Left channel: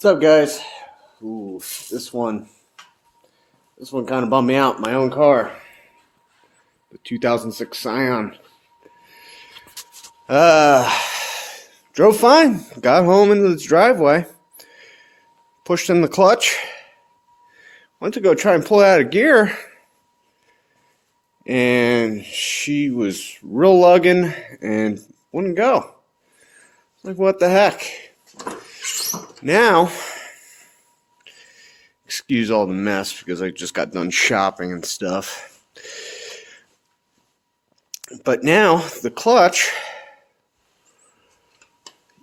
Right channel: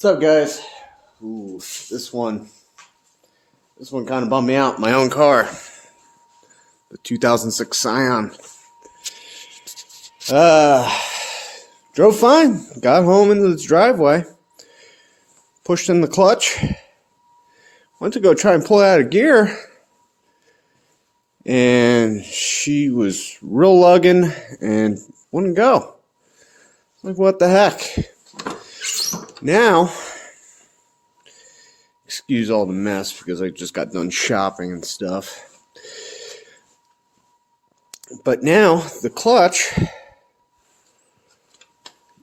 What's up, guys? Ooh, this one kind of bummed me out. My own car, the 2006 Scion. Drove fine. Got home into its driveway. Pushed in the clutch. Went to go try and pull it out of gear, and she was real lugging and wouldn't go. Like, what the heck? Now, excuse all the mess because I just got done shopping and stuff. But now, the clutch,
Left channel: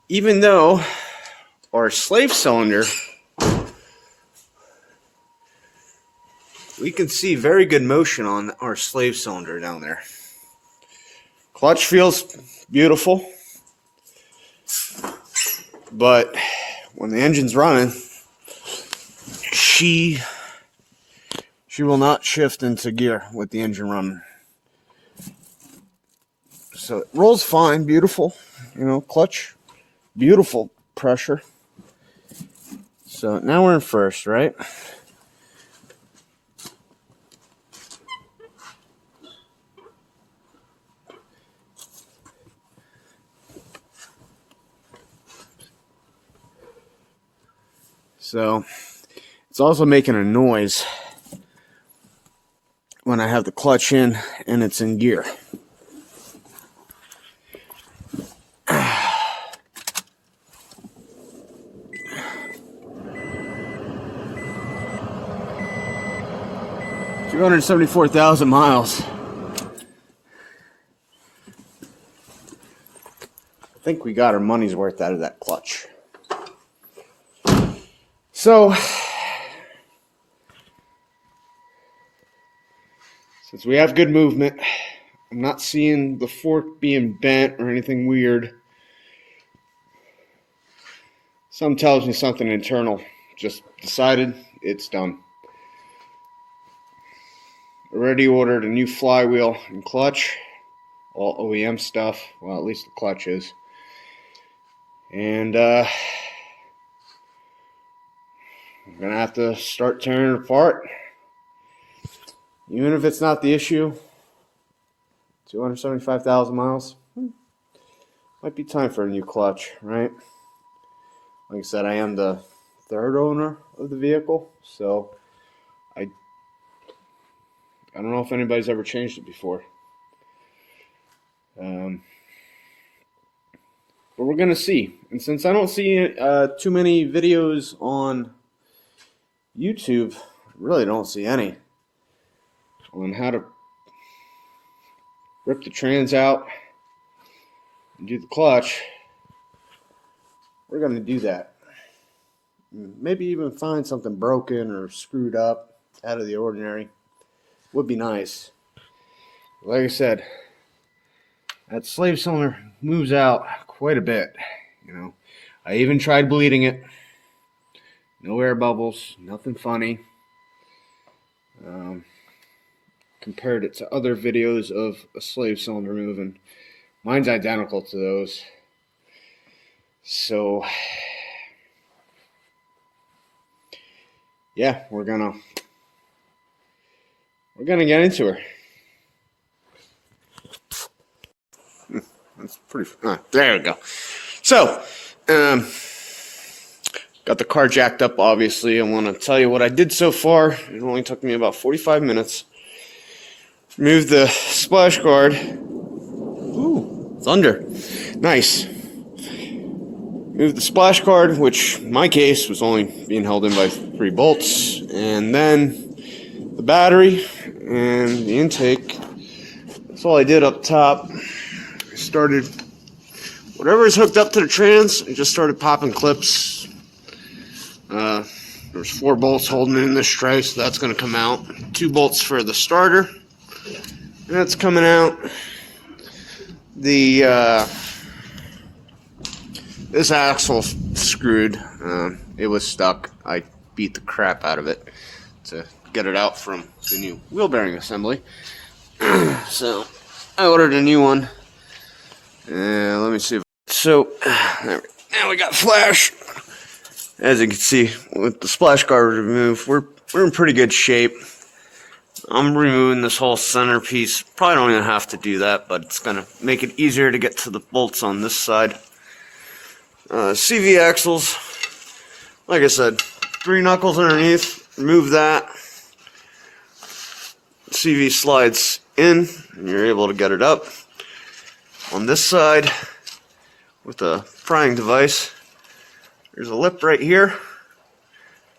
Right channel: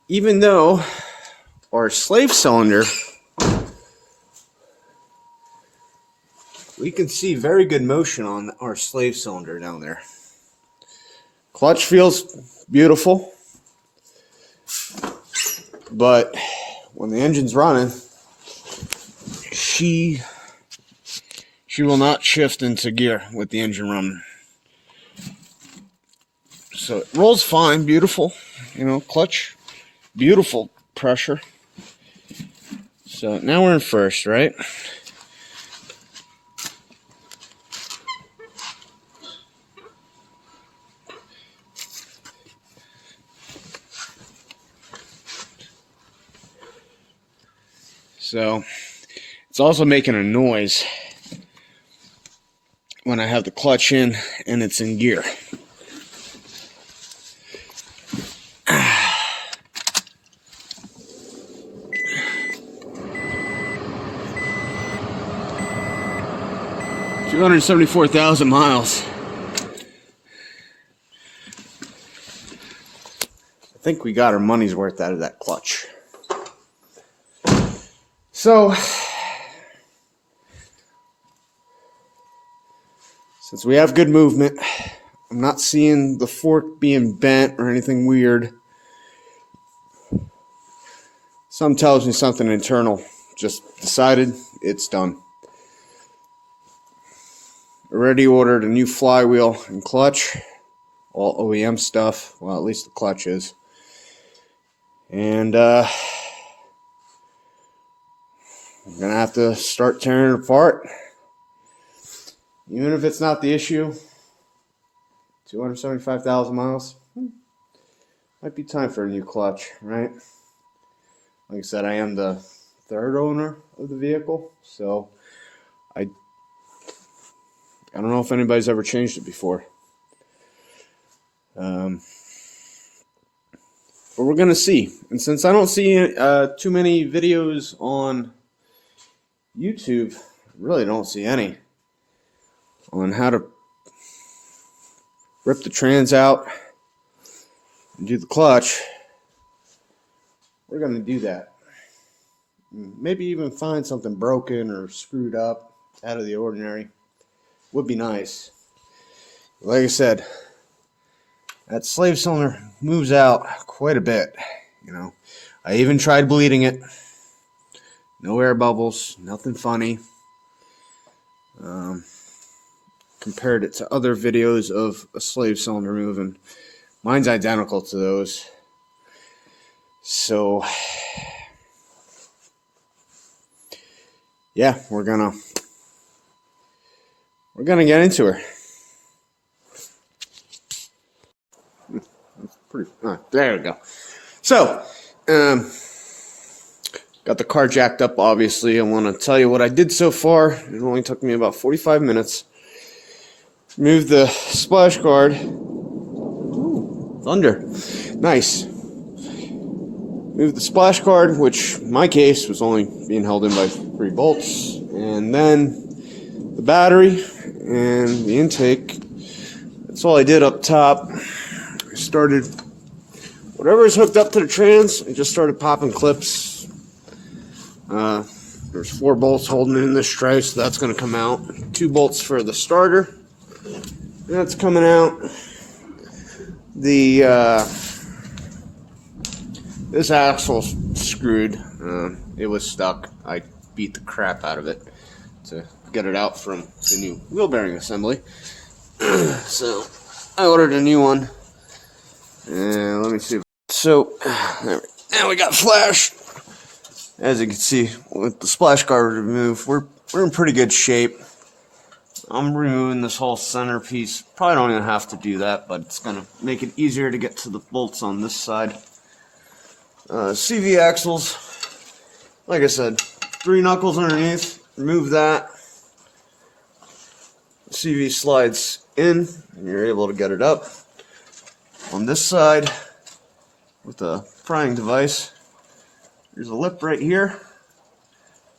even though our slave cylinder, we can see very good motion on our slave cylinder down there. Clutch feels beautiful, but when the engine's running, she will not shift into gear with the engine running. So it rolls fine, beautiful, clutch, beautiful pressure. So now we're in first, right? So it's also making a noise when I have the clutch in and it's in gear. $274,000 miles. I think we got our money's worth out of that clutch. So, since we have good movement, I'm not seeing the fork being bent or anything weird. Something tells me something internal. Just decided it's done. Already ordered a new flywheel and clutch. All OEM stuff. Well, at least the clutch is. And, I'm going to have to start tearing it apart. Even if it's not the issue, 275,000 miles, might be time for a new clutch, right? Like I said, I am the third owner of the vehicle, so I don't know if anybody's ever changed it before. But we're going to see. And since I don't see too many videos on YouTube, really don't see any on how to rip the trans out and do the clutch. We're going to do that. Maybe even find something broken or screwed up out of the ordinary. Would be nice. Like I said, that slave cylinder moves out quite a bit. I even tried bleeding it. No air bubbles, nothing funny. Compared it to other videos of a slave cylinder moving. Mine's identical to those. So, yeah, we're gonna get into her. That's pretty. There we go. So, got the car jacked up, obviously. I want to tell you what I did so far. It only took me about 45 minutes. Removed the splash guard. Ooh, thunder. Nice. Moved the splash guard, which in my case was only being held in by 3 bolts. And then the battery and the intake. That's all I did up top. I started, whatever is hooked up to the trans, I just started popping clips. There's 4 bolts holding in this tray, so that's going to come out. 2 bolts for the starter. That's coming out. This axle's screwed. It was stuck. I beat the crap out of it to get it out from the new wheel bearing assembly. So I ordered a new one. Let me see. So now we got flash. As you can see, with the splash guard removed, we're in pretty good shape. I'm removing this whole centerpiece. Probably don't even have to do that, but it's going to make it easier to get to the bolts on this side. CV axles, like I said, 3 knuckles underneath, remove that. CV slides in, and you're able to get it up. On this side, with a prying device, there's a lip right here.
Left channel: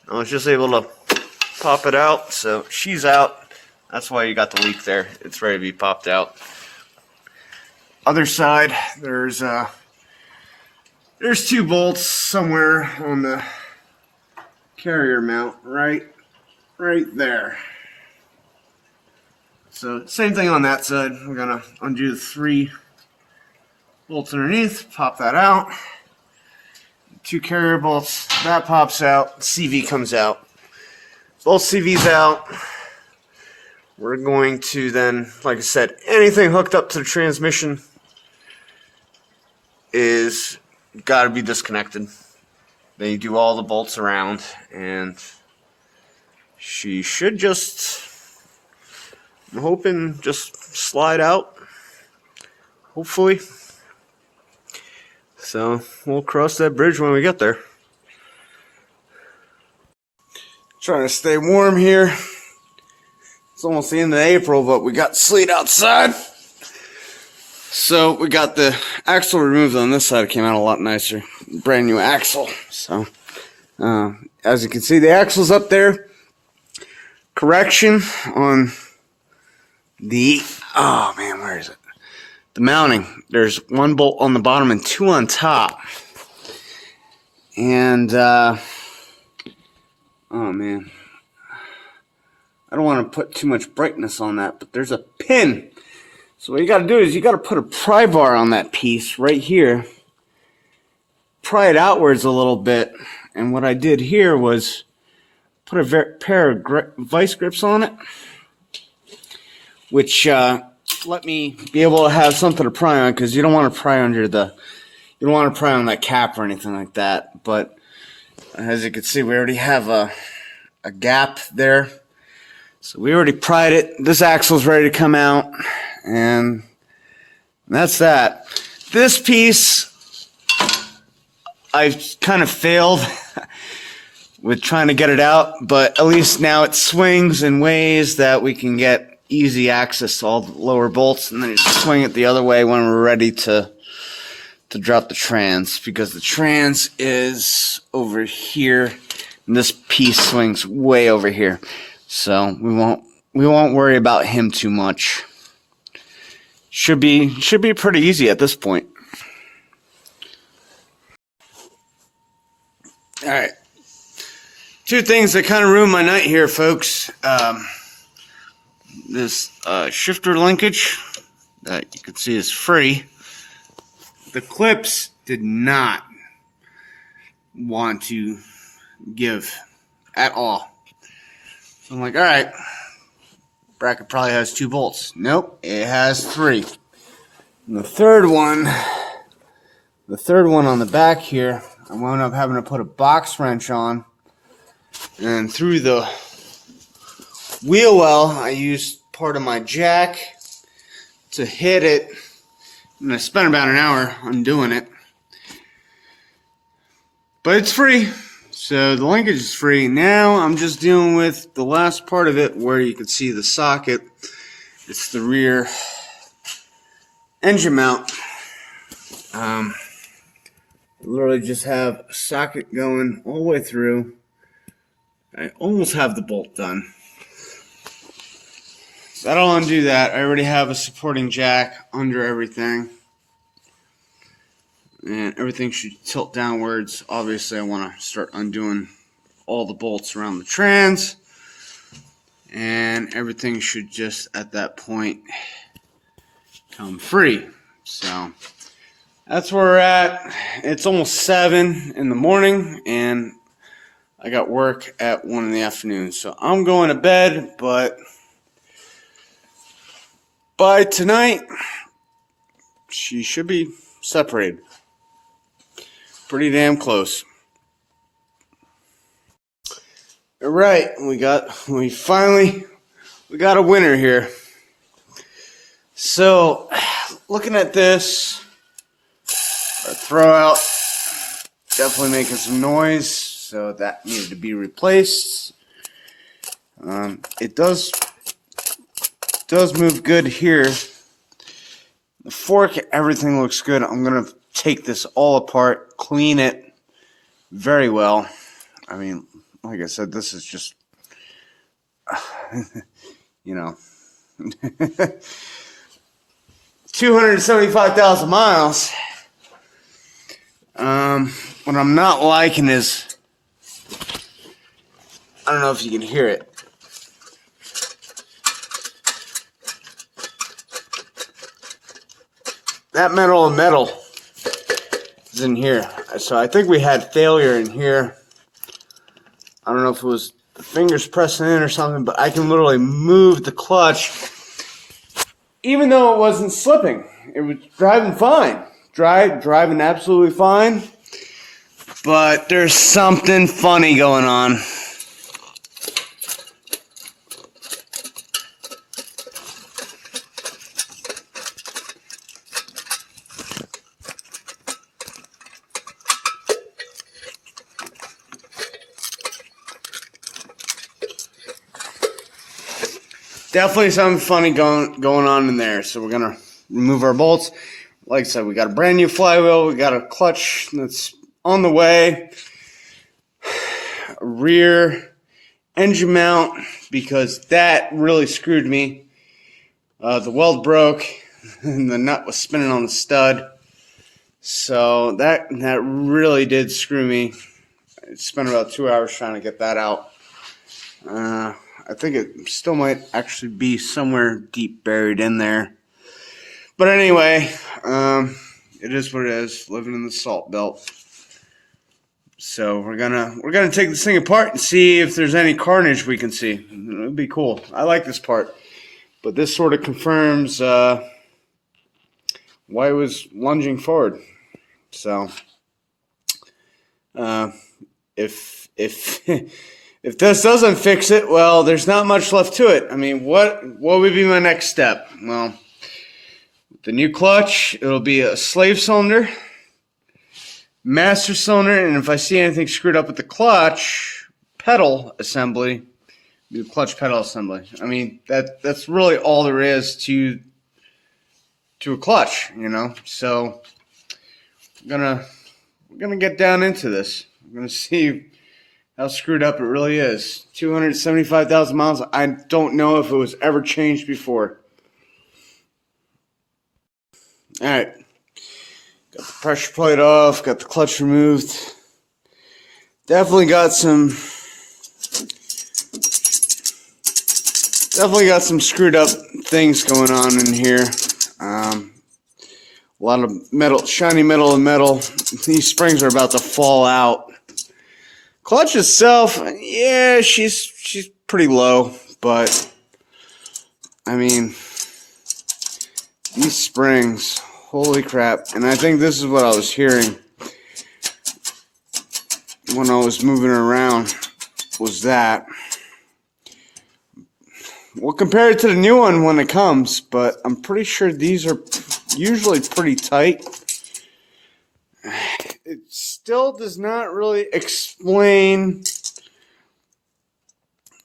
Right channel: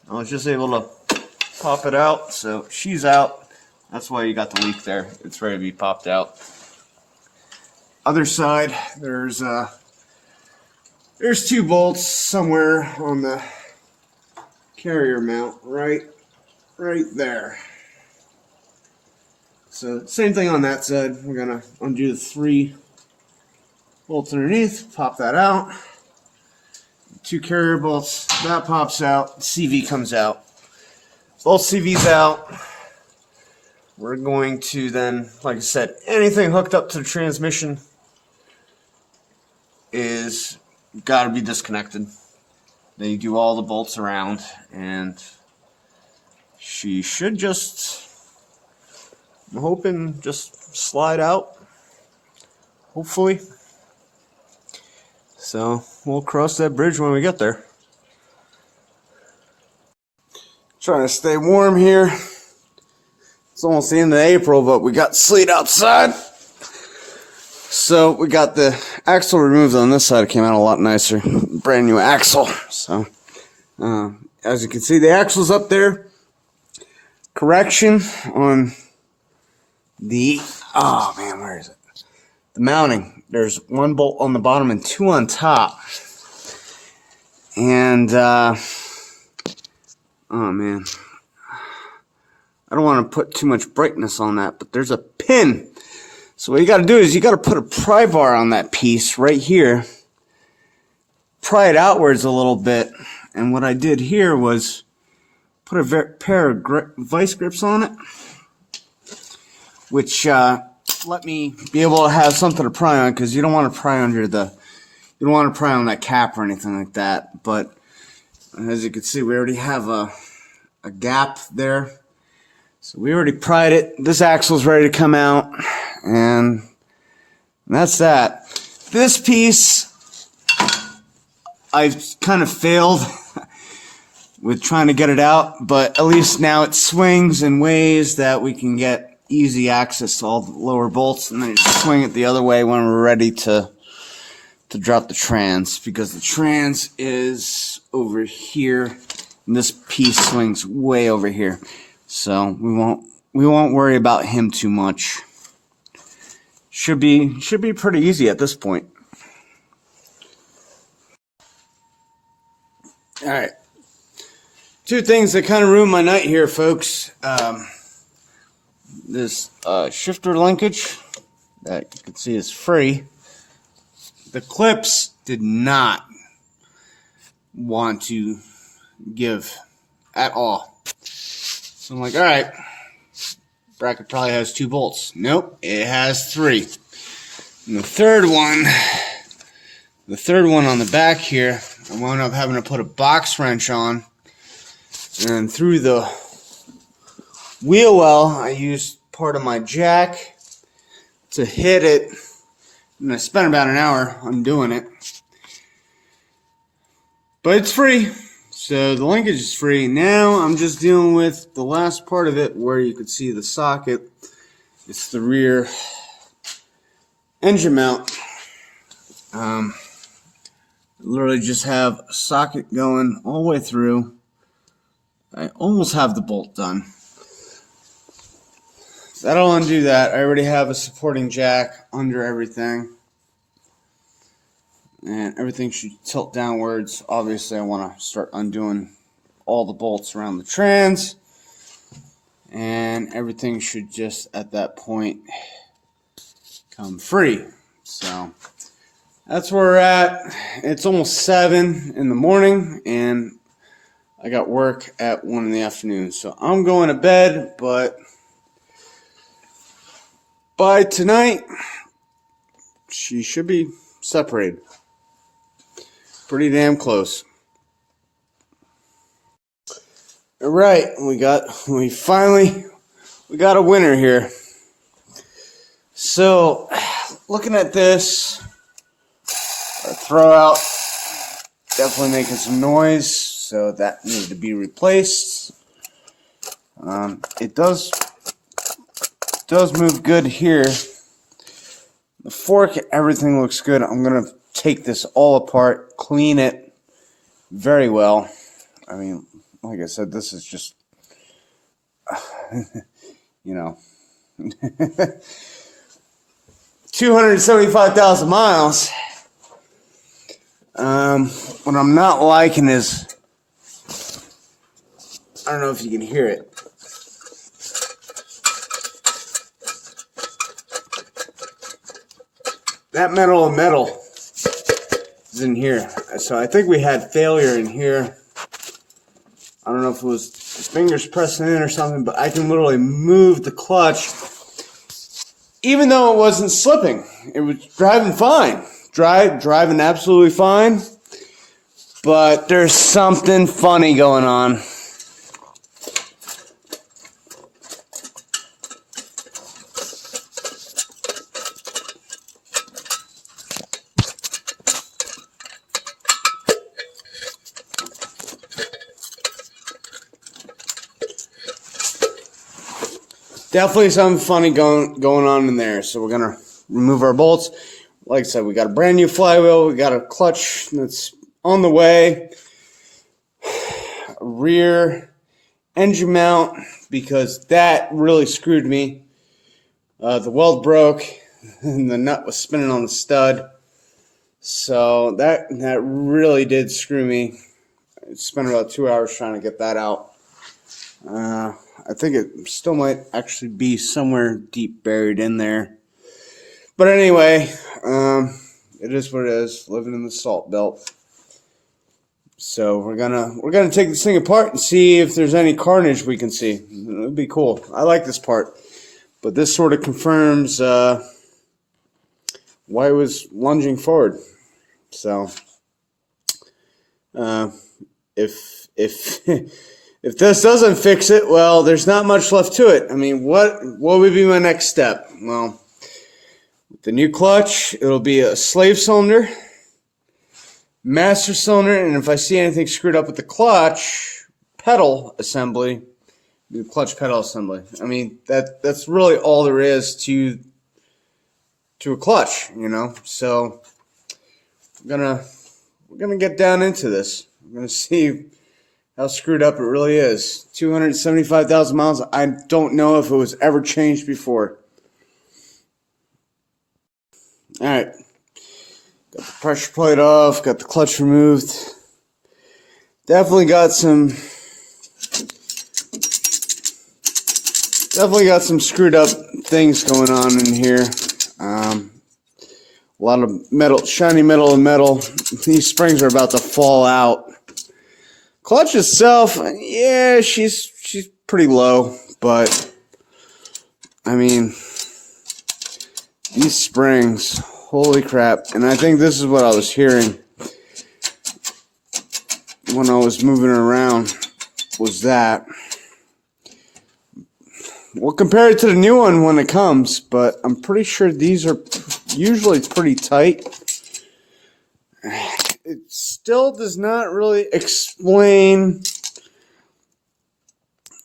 I was just able to pop it out, so she's out. That's why you got the leak there. It's ready to be popped out. Other side, there's 2 bolts somewhere on the carrier mount, right there. So same thing on that side. We're gonna undo the 3 bolts underneath, pop that out. 2 carrier bolts, that pops out, CV comes out. Both CVs out. We're going to then, like I said, anything hooked up to the transmission is got to be disconnected. Then you do all the bolts around, and she should just, I'm hoping, just slide out, hopefully. So we'll cross that bridge when we get there. Trying to stay warm here. It's almost the end of April, but we got sleet outside. So we got the axle removed on this side. It came out a lot nicer. Brand new axle. So as you can see, the axle's up there. Correction on the, oh man, where is it? The mounting. There's 1 bolt on the bottom and 2 on top. And oh man, I don't want to put too much brightness on that, but there's a pin. So what you got to do is you got to put a pry bar on that piece right here, pry it outwards a little bit, and what I did here was put a pair of vice grips on it, which let me be able to have something to pry on, because you don't want to pry under the, you don't want to pry on that cap or anything like that. But as you can see, we already have a gap there. So we already pried it. This axle's ready to come out, and that's that. This piece, I've kind of failed with trying to get it out, but at least now it swings in ways that we can get easy access to all the lower bolts, and then you just swing it the other way when we're ready to drop the trans, because the trans is over here and this piece swings way over here. So we won't worry about him too much. Should be pretty easy at this point. All right. 2 things that kind of ruined my night here, folks. This shifter linkage that you can see is free. The clips did not want to give at all. So I'm like, all right, bracket probably has 2 bolts. Nope, it has 3. And the third one on the back here, I wound up having to put a box wrench on, and through the wheel well, I used part of my jack to hit it, and I spent about an hour undoing it. But it's free. So the linkage is free. Now I'm just dealing with the last part of it where you can see the socket. It's the rear engine mount. I literally just have a socket going all the way through. I almost have the bolt done. So that'll undo that. I already have a supporting jack under everything. And everything should tilt downwards. Obviously, I want to start undoing all the bolts around the trans. And everything should just, at that point, come free. So, that's where we're at. It's almost 7 in the morning, and I got work at 1 in the afternoon. So, I'm going to bed, but by tonight, she should be separated. Pretty damn close. All right, we got a winner here. So, looking at this, our throwout definitely making some noise, so that needed to be replaced. It does move good here. The fork, everything looks good. I'm gonna take this all apart, clean it very well. I mean, like I said, this is just, you know, 275,000 miles. What I'm not liking is, I don't know if you can hear it. That metal is in here. So I think we had failure in here. I don't know if it was the fingers pressing in or something, but I can literally move the clutch even though it wasn't slipping. It was driving fine. Driving absolutely fine. But there's something funny going on. Definitely something funny going on in there. So we're gonna remove our bolts. Like I said, we got a brand new flywheel. We got a clutch that's on the way. A rear engine mount, because that really screwed me. The weld broke and the nut was spinning on the stud. So that really did screw me. I spent about 2 hours trying to get that out. I think it still might actually be somewhere deep buried in there. But anyway, it is what it is, living in the salt belt. So we're gonna take this thing apart and see if there's any carnage we can see. It'll be cool. I like this part. But this sort of confirms why it was lunging forward. So if if this doesn't fix it, well, there's not much left to it. I mean, what would be my next step? Well, with the new clutch, it'll be a slave cylinder, master cylinder, and if I see anything screwed up with the clutch pedal assembly, the clutch pedal assembly. I mean, that's really all there is to a clutch, you know. So we're gonna get down into this. I'm gonna see how screwed up it really is. 275,000 miles. I don't know if it was ever changed before. Alright. Got the pressure plate off. Got the clutch removed. Definitely got some screwed up things going on in here. A lot of metal, shiny metal and metal. These springs are about to fall out. Clutch itself, yeah, she's pretty low, but I mean, these springs, holy crap. And I think this is what I was hearing when I was moving around, was that. We'll compare it to the new one when it comes, but I'm pretty sure these are usually pretty tight. It still does not really explain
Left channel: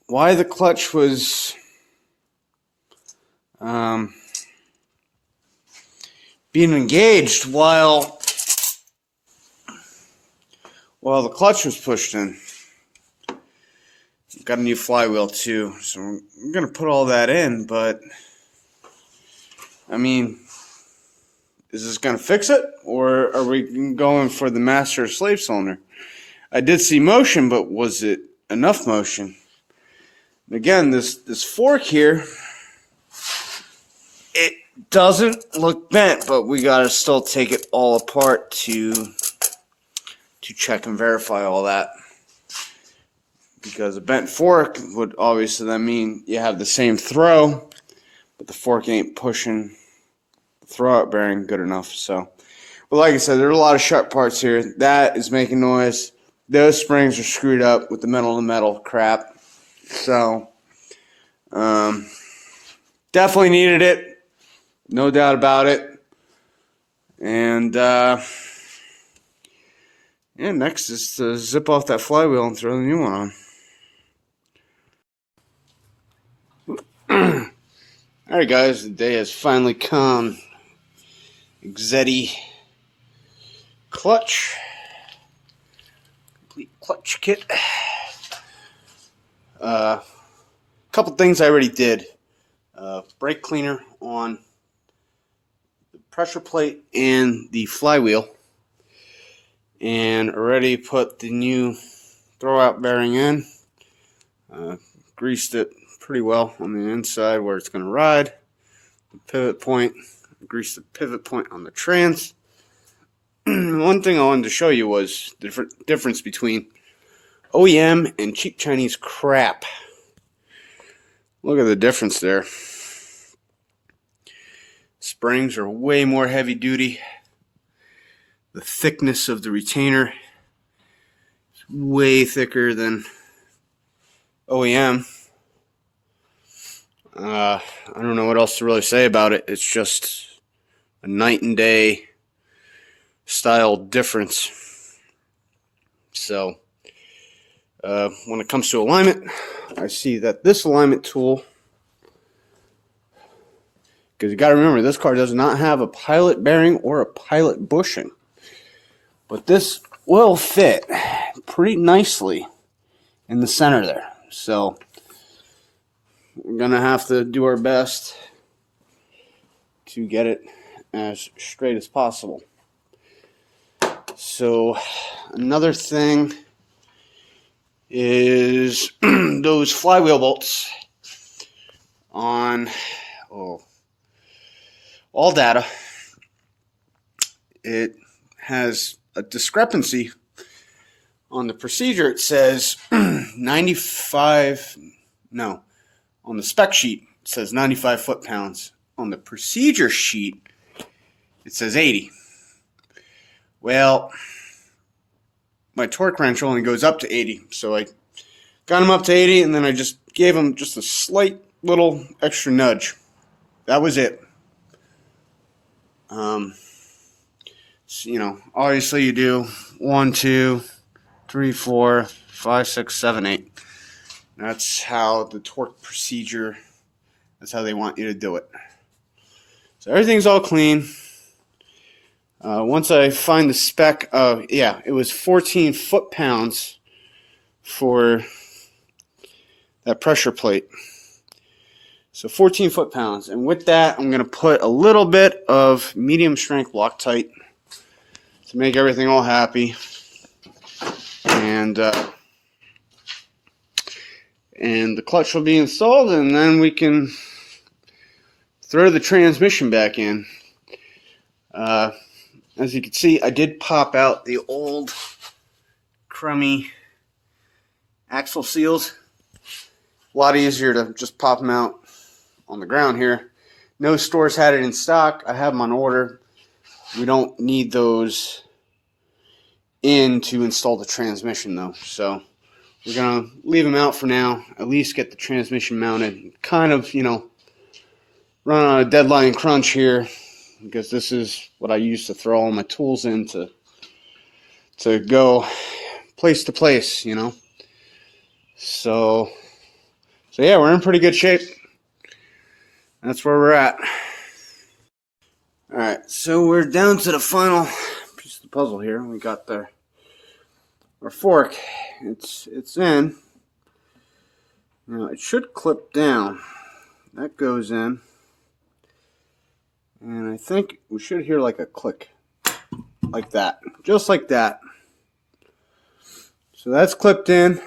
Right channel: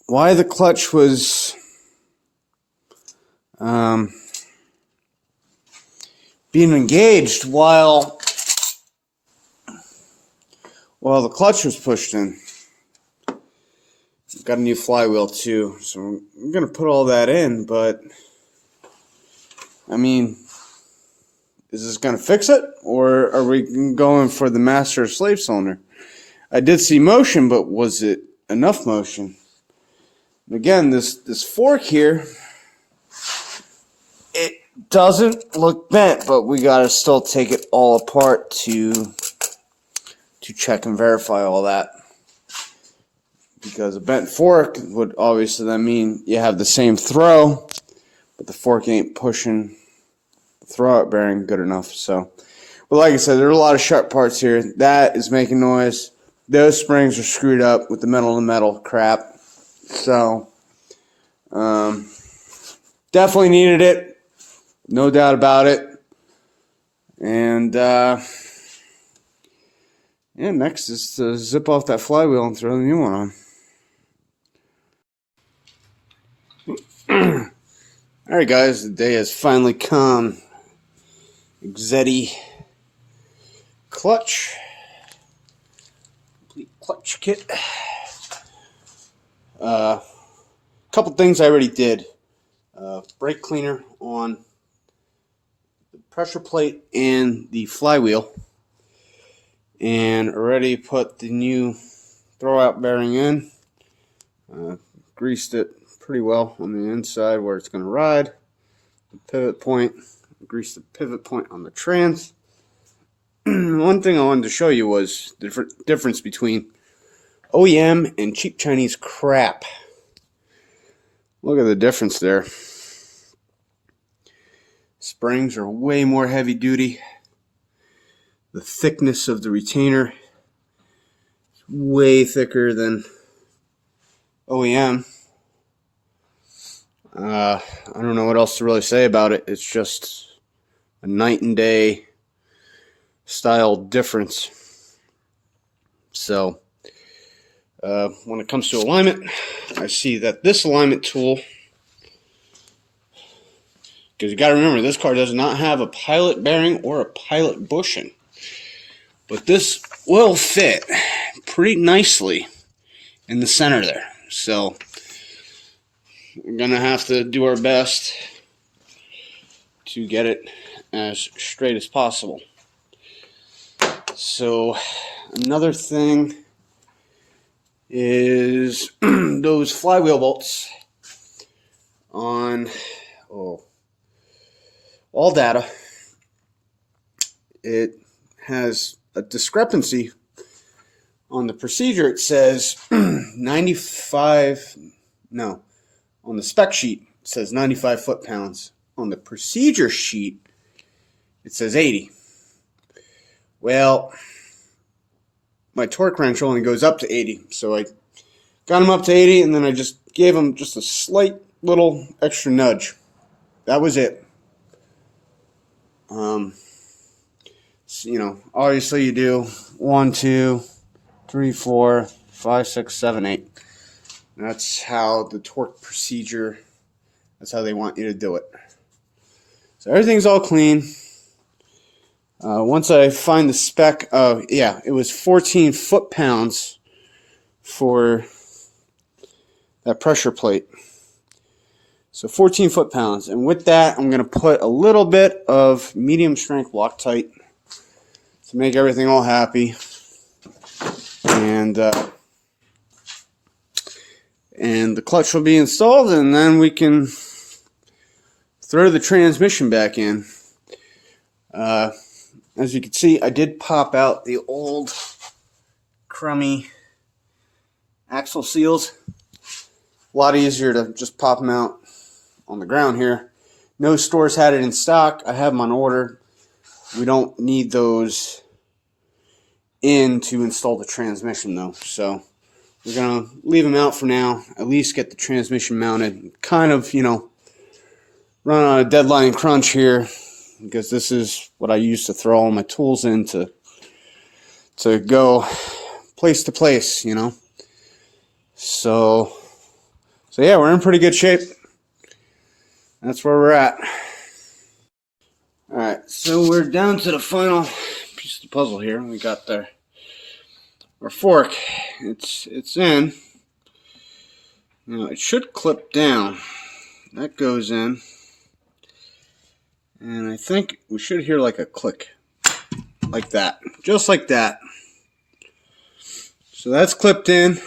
why the clutch was being engaged while the clutch was pushed in. Got a new flywheel too, so I'm going to put all that in, but I mean, is this going to fix it, or are we going for the master slave cylinder? I did see motion, but was it enough motion? And again, this fork here, it doesn't look bent, but we got to still take it all apart to check and verify all that. Because a bent fork would obviously then mean you have the same throw, but the fork ain't pushing the throwout bearing good enough. So, but like I said, there are a lot of sharp parts here. That is making noise. Those springs are screwed up with the metal to metal crap. So, definitely needed it. No doubt about it. And, yeah, next is to zip off that flywheel and throw the new one on. Alright guys, the day has finally come. Exetti clutch. Complete clutch kit. Couple things I already did. Brake cleaner on the pressure plate and the flywheel. And already put the new throwout bearing in. Greased it pretty well on the inside where it's going to ride. The pivot point, greased the pivot point on the trans. One thing I wanted to show you was the difference between OEM and cheap Chinese crap. Look at the difference there. Springs are way more heavy duty. The thickness of the retainer is way thicker than OEM. I don't know what else to really say about it. It's just a night and day style difference. So, when it comes to alignment, I see that this alignment tool, because you got to remember, this car does not have a pilot bearing or a pilot bushing. But this will fit pretty nicely in the center there. So we're going to have to do our best to get it as straight as possible. So another thing is those flywheel bolts on all data. It has a discrepancy on the procedure. It says 95, no, on the spec sheet it says 95 foot-pounds. On the procedure sheet it says 80. Well, my torque wrench only goes up to 80, so I got him up to 80 and then I just gave him just a slight little extra nudge. That was it. You know, obviously you do 1, 2, 3, 4, 5, 6, 7, 8. That's how the torque procedure, that's how they want you to do it. So everything's all clean. Once I find the spec, yeah, it was 14 foot-pounds for that pressure plate. So 14 foot-pounds. And with that, I'm going to put a little bit of medium strength Loctite to make everything all happy. And the clutch will be installed, and then we can throw the transmission back in. As you can see, I did pop out the old crummy axle seals. A lot easier to just pop them out on the ground here. No stores had it in stock. I have them on order. We don't need those in to install the transmission though, so we're gonna leave them out for now. At least get the transmission mounted. Kind of, you know, run on a deadline crunch here because this is what I use to throw all my tools in to go place to place, you know. So yeah, we're in pretty good shape. That's where we're at. Alright, so we're down to the final piece of the puzzle here. We got our fork. It's in. Now it should clip down. That goes in. And I think we should hear like a click. Like that. Just like that. So that's clipped in.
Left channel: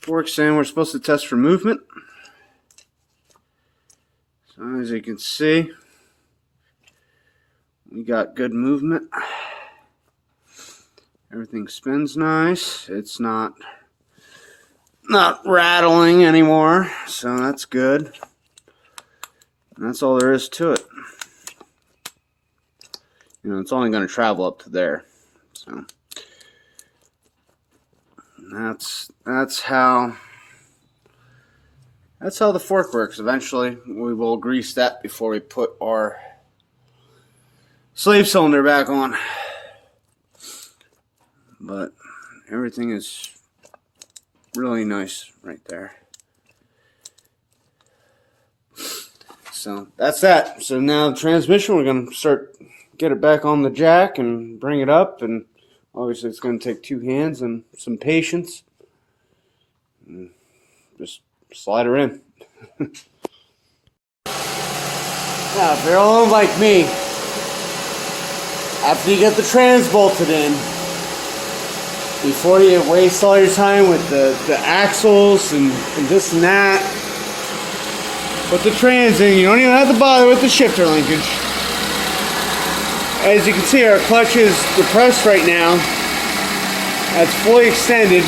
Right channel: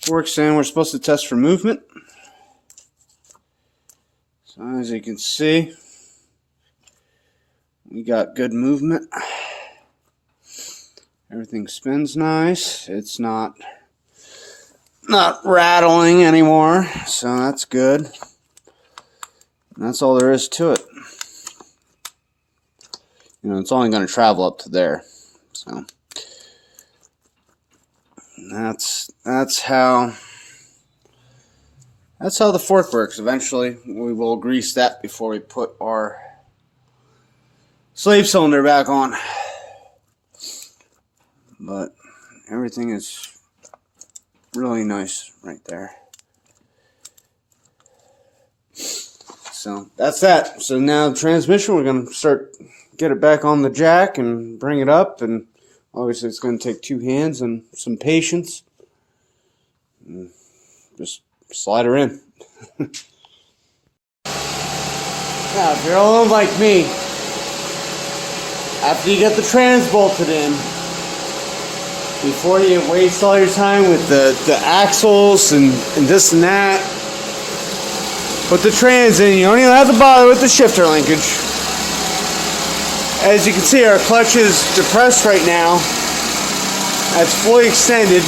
Fork's in. We're supposed to test for movement. So as you can see, we got good movement. Everything spins nice. It's not rattling anymore, so that's good. And that's all there is to it. You know, it's only going to travel up to there. So that's how that's how the fork works. Eventually, we will grease that before we put our slave cylinder back on. But everything is really nice right there. So that's that. So now the transmission, we're going to get it back on the jack and bring it up. And obviously it's going to take 2 hands and some patience. And just slide her in. Now, if you're old like me, after you get the trans bolted in, before you waste all your time with the axles and this and that, put the trans in. You don't even have to bother with the shifter linkage. As you can see, our clutch is depressed right now. That's fully extended.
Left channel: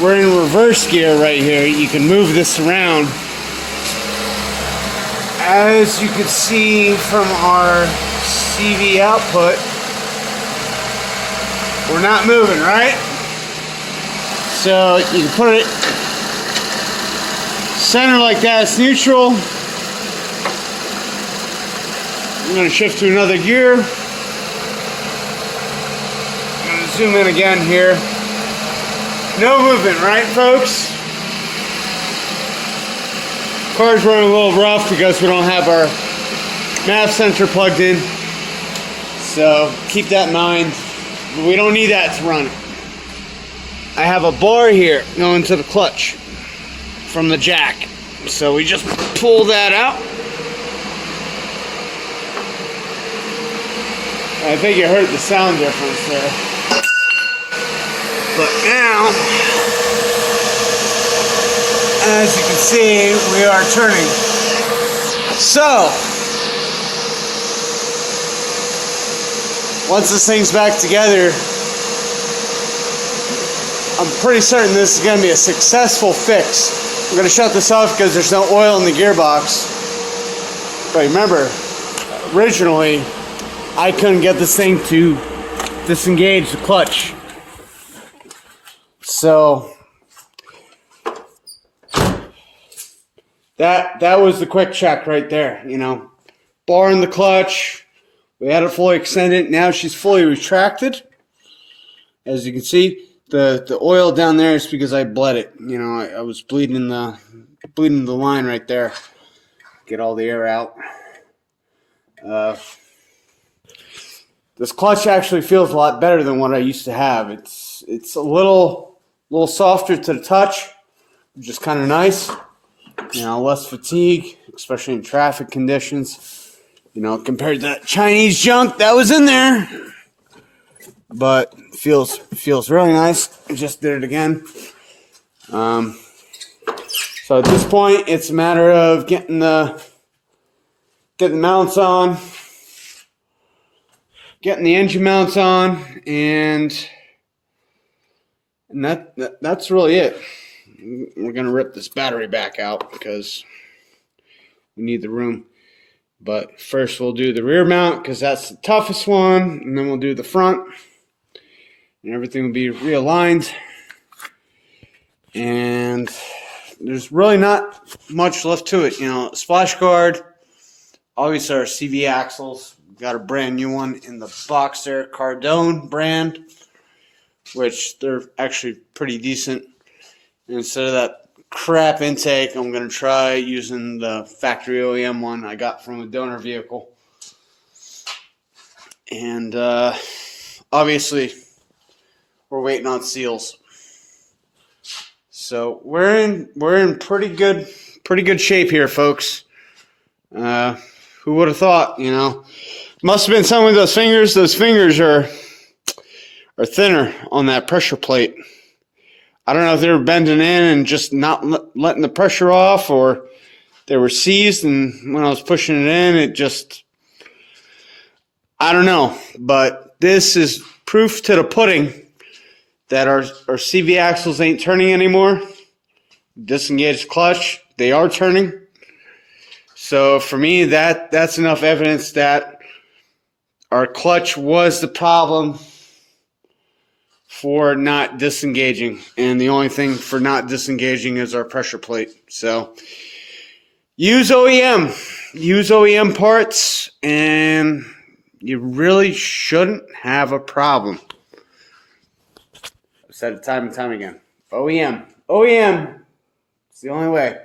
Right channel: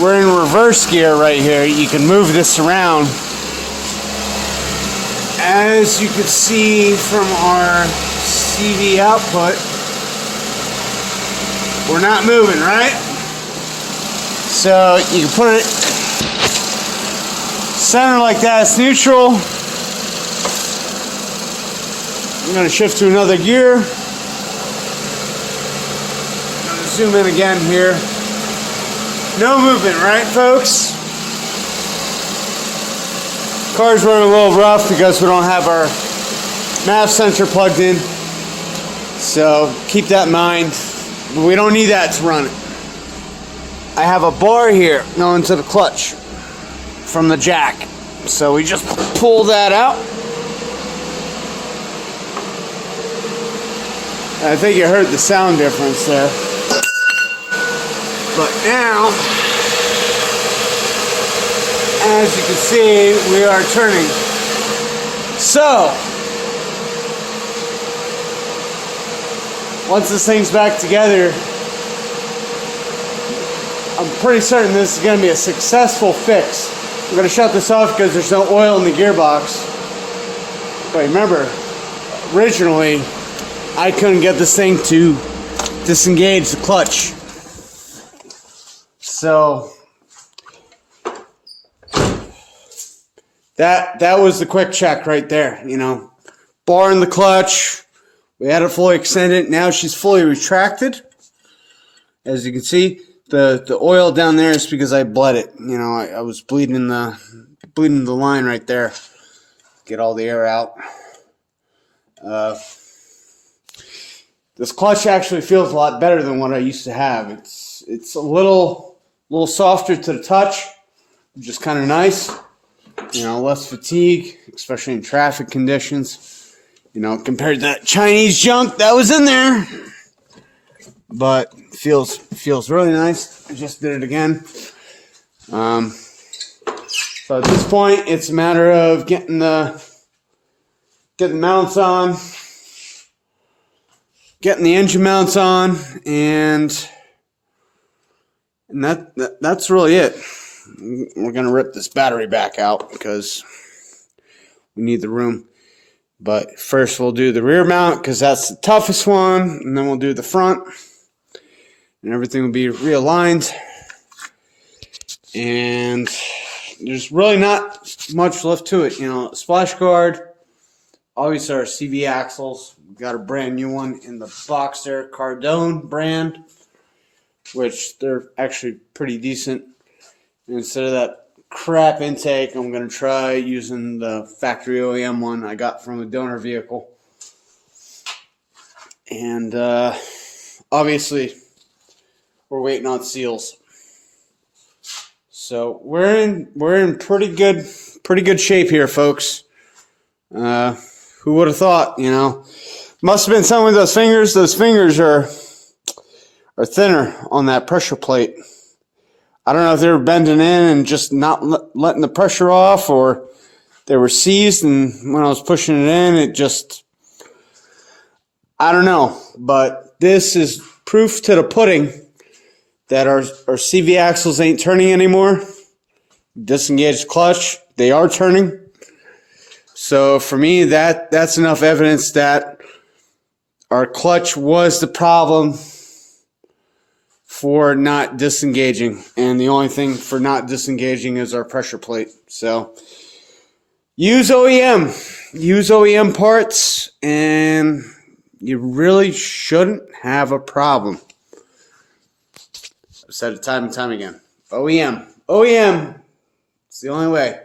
We're in reverse gear right here. You can move this around. As you can see from our CV output, we're not moving, right? So you can put it center like that. It's neutral. I'm going to shift to another gear. I'm going to zoom in again here. No movement, right, folks? Car's running a little rough because we don't have our MAF sensor plugged in. So keep that in mind. We don't need that to run it. I have a bar here going to the clutch from the jack. So we just pull that out. I think you heard the sound difference there. But now, as you can see, we are turning. So, once this thing's back together, I'm pretty certain this is going to be a successful fix. I'm going to shut this off because there's no oil in the gearbox. But remember, originally, I couldn't get this thing to disengage the clutch. So that was the quick check right there, you know. Bar in the clutch. We had it fully extended. Now she's fully retracted. As you can see, the oil down there is because I bled it. You know, I was bleeding the line right there. Get all the air out. This clutch actually feels a lot better than what I used to have. It's a little softer to the touch, which is kind of nice. You know, less fatigue, especially in traffic conditions. You know, compared to that Chinese junk that was in there. But feels really nice. I just did it again. So at this point, it's a matter of getting the mounts on, getting the engine mounts on, and that's really it. We're gonna rip this battery back out because we need the room. But first we'll do the rear mount because that's the toughest one, and then we'll do the front, and everything will be realigned. And there's really not much left to it. You know, splash guard, obviously our CV axles. We've got a brand new one in the Boxer Cardone brand, which they're actually pretty decent. And instead of that crap intake, I'm going to try using the factory OEM one I got from a donor vehicle. And obviously we're waiting on seals. So we're in pretty good shape here, folks. Who would have thought, you know? Must have been some of those fingers. Those fingers are thinner on that pressure plate. I don't know if they were bending in and just not letting the pressure off, or they were seized, and when I was pushing it in, it just, I don't know. But this is proof to the pudding that our CV axles ain't turning anymore. Disengaged clutch, they are turning. So for me, that's enough evidence that our clutch was the problem for not disengaging, and the only thing for not disengaging is our pressure plate. So use OEM parts, and you really shouldn't have a problem. I've said it time and time again. OEM, it's the only way.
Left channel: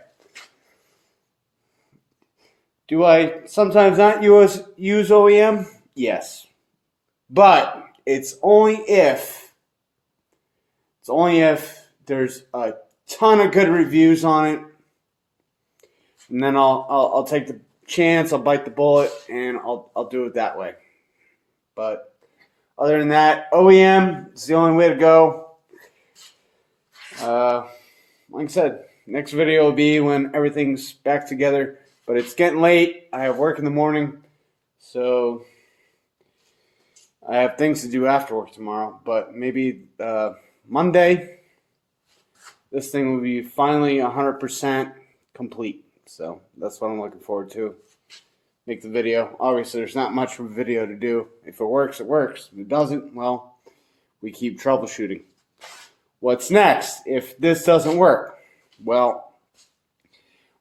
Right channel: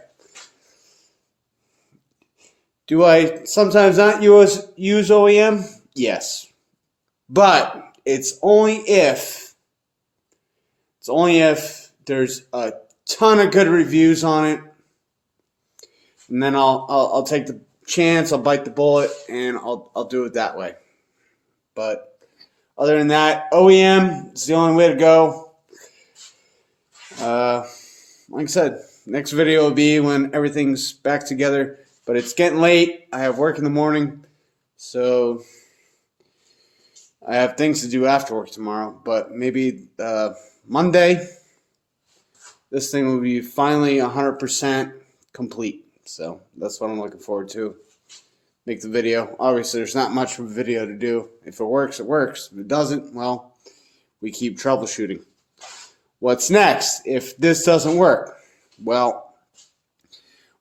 Do I sometimes not use OEM? Yes. But it's only if there's a ton of good reviews on it, and then I'll take the chance, I'll bite the bullet, and I'll do it that way. But other than that, OEM is the only way to go. Like I said, next video will be when everything's back together. But it's getting late. I have work in the morning, so I have things to do after work tomorrow. But maybe Monday, this thing will be finally 100% complete. So that's what I'm looking forward to. Make the video. Obviously, there's not much of a video to do. If it works, it works. If it doesn't, well, we keep troubleshooting. What's next if this doesn't work? Well,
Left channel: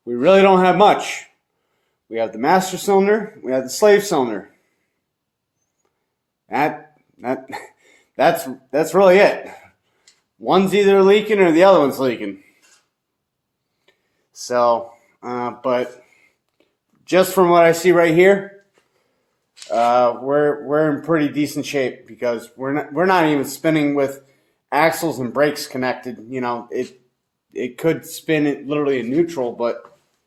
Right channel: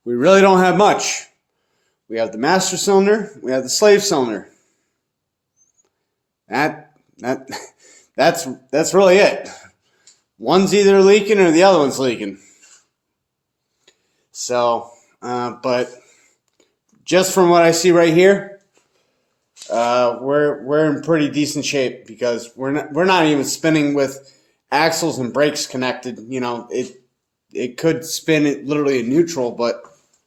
we really don't have much. We have the master cylinder. We have the slave cylinder. That's really it. One's either leaking or the other one's leaking. So, but just from what I see right here, we're in pretty decent shape because we're not even spinning with axles and brakes connected. You know, it could spin it literally in neutral, but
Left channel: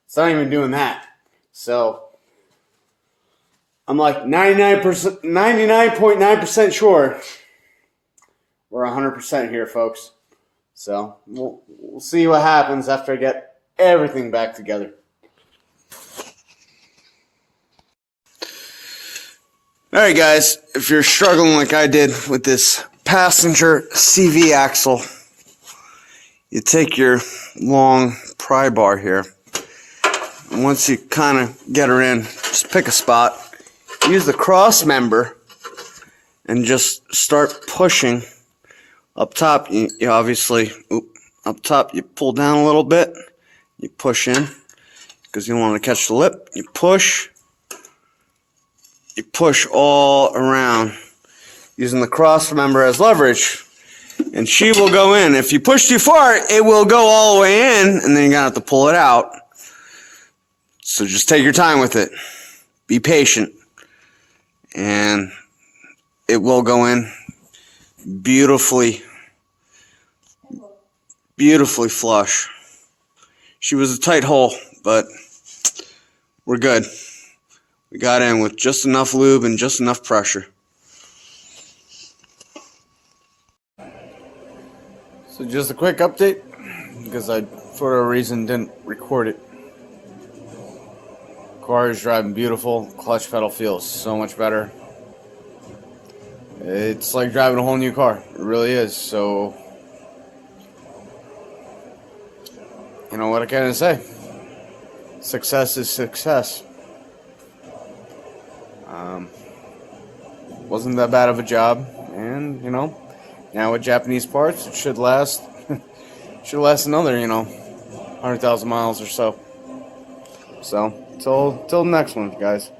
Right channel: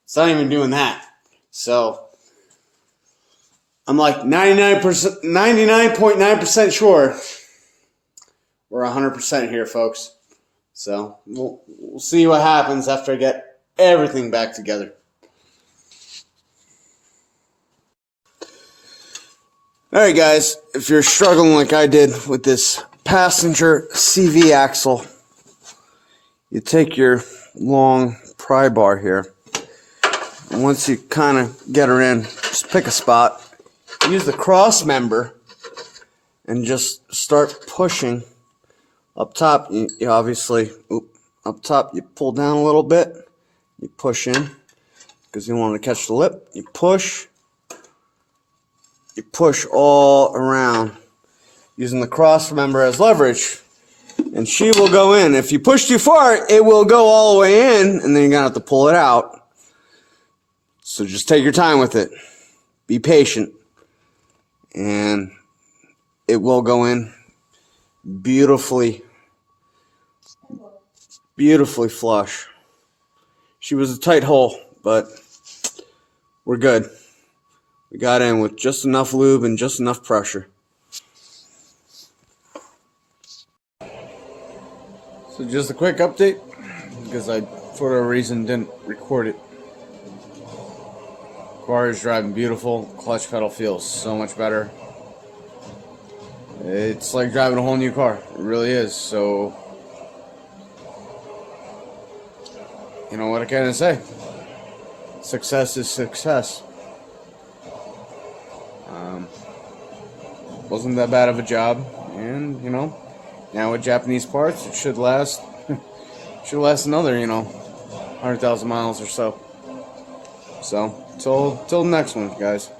it's not even doing that. So I'm like 99.9% sure we're 100% here, folks. So we'll see what happens after I get everything back together. Alright guys, if you're struggling like I did with this passenger CV axle, you take your long pry bar here, and once you kind of get her in, just pick a spot, use the cross member, and just start pushing. Up top, you obviously, up top you pull down a little bit, you push in, because you don't want to catch the lip, you push all around, using the cross member as leverage, and she will go in. If you push too far, it will go all the way in, and then you're going to have to pull it out. So just take your time with it. Be patient. And it will go in beautifully flush. She was a tight hole, but we're good. We got in with just enough lube and just enough pressure. So just a quick update, because I, for whatever reason, didn't record it. Car is driving beautiful. Clutch pedal feels so much better. It's like driving a whole new car. It really is. So, you know what can I say? Success is success. Wasn't that bad of a job, and you know, now with Japanese parts, it should last. Should last another, 100,000 miles or so. So, till the next one, guys.